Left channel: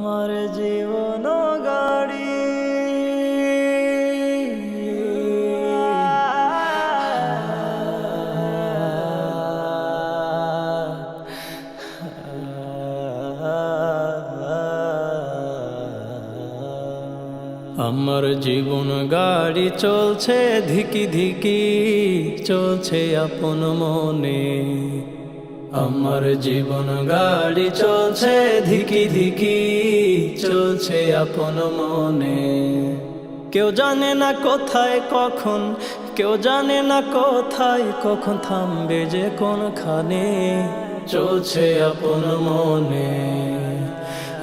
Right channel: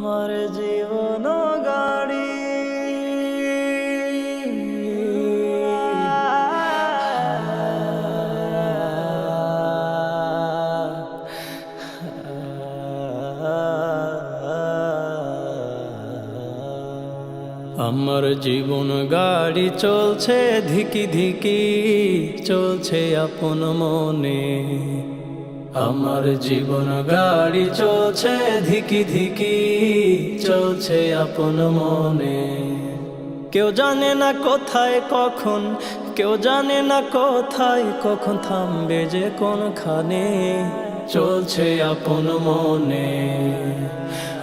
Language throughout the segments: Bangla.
আমার জীবন গাড়ি আমার জীবন গাড়ি চলছে ধিকি ধিকি চলছে আপন মনে আমার জীবন গাড়ি চলছে ধিকি ধিকি চলছে আপন মনে কেউ জানে না কোথায় কখন কেউ জানে না কোথায় কখন থামবে যে কোনখানে চলছে আপন মনে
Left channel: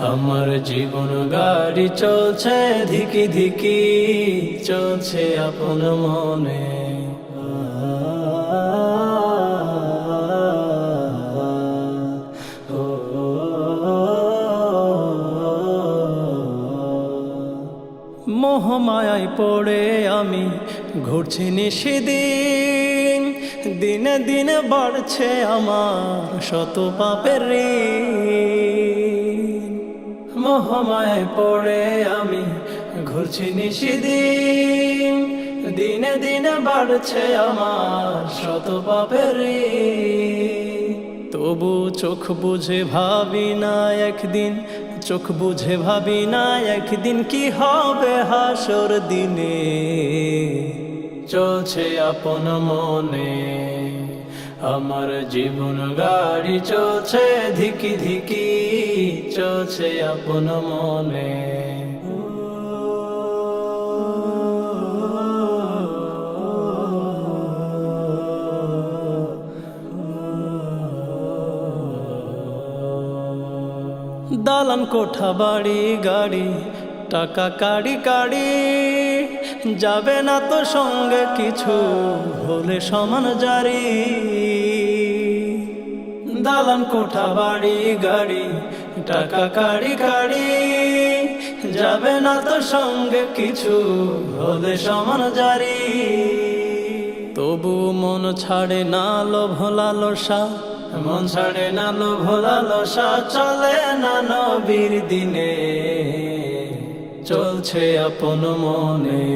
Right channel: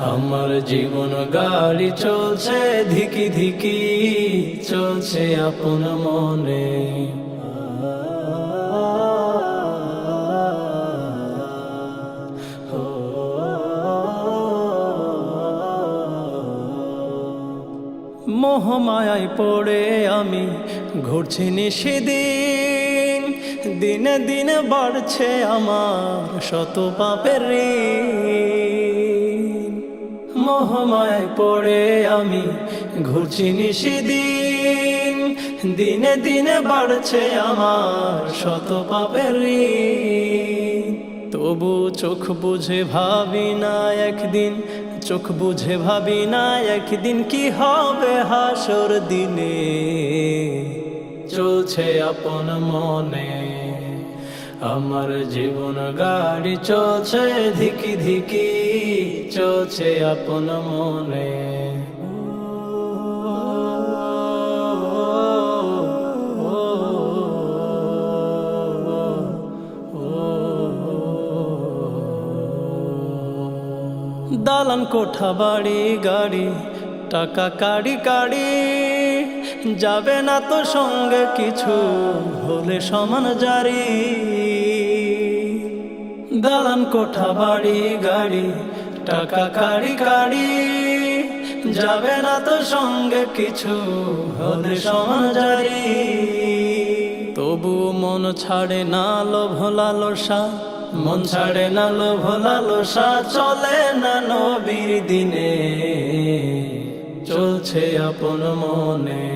আমার জীবন গাড়ি চলছে ধিকি ধিকি চলছে আপন মনে মোহমায়ায় পড়ে আমি ঘুরছি নিশিদিন দিনে দিনে বাড়ছে আমার শত পাপের ঋণ মোহমায়ায় পড়ে আমি ঘুরছি নিশিদিন দিনে দিনে বাড়ছে আমার শত পাপের ঋণ তবু চোখ বুঝে ভাবি না একদিন চোখ বুঝে ভাবি না একদিন কি হবে হাসর দিনে চলছে আপন মনে আমার জীবন গাড়ি চলছে ধিকি ধিকি চলছে আপন মনে দালান কোঠা বাড়ি গাড়ি টাকা কাড়ি কাড়ি যাবে না তো সঙ্গে কিছু হলে সমান জারি দালান কোঠা বাড়ি গাড়ি টাকা কাড়ি কাড়ি যাবে না তো সঙ্গে কিছু হলে সমান জারি তবু মন ছাড়ে না লোভ লালসা মন ছাড়ে না লোভ লালসা চলে না নবীর দিনে চলছে আপন মনে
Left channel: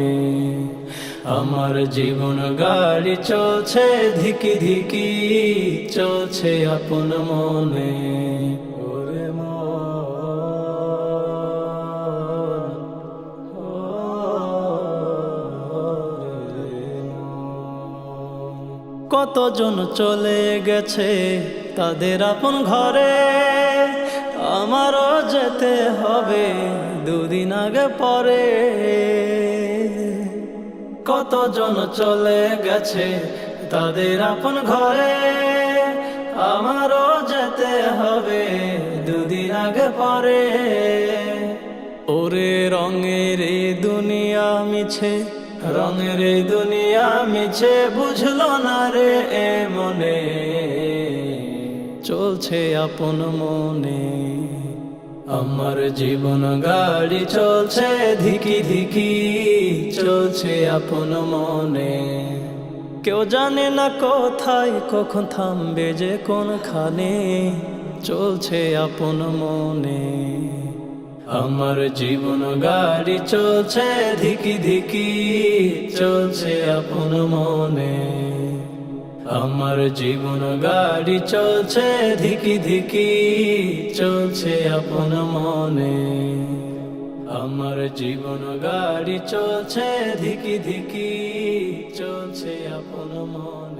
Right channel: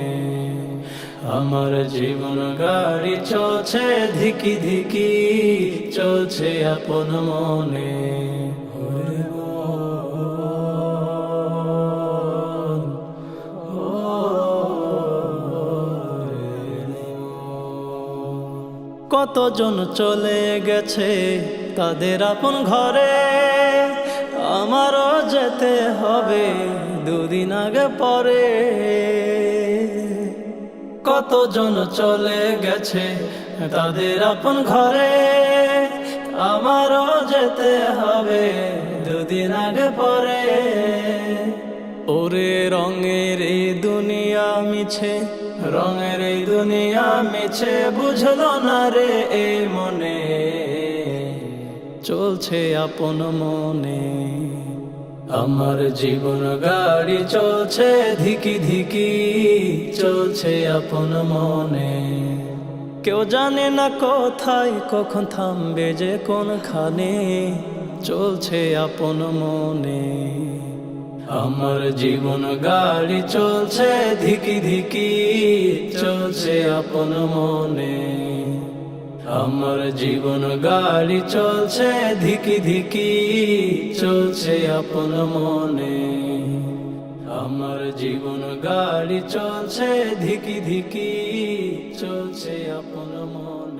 আমার জীবন গাড়ি চলছে ধিকি ধিকি চলছে আপন মনে কতজন চলে গেছে তাদের আপন ঘরে আমারও যেতে হবে দুদিন আগে পরে কতজন চলে গেছে তাদের আপন ঘরে আমারও যেতে হবে দুদিন আগে পরে ওরে রঙের এই দুনিয়া মিছে রঙের এই দুনিয়া মিছে বুঝলো না রে এ মনে চলছে আপন মনে আমার জীবন গাড়ি চলছে ধিকি ধিকি চলছে আপন মনে কেউ জানে না কোথায় কখন থামবে যে কোনখানে চলছে আপন মনে আমার জীবন গাড়ি চলছে ধিকি ধিকি চলছে আপন মনে আমার জীবন গাড়ি চলছে ধিকি ধিকি চলছে আপন মনে আমার জীবন গাড়ি চলছে ধিকি ধিকি চলছে আপন মনে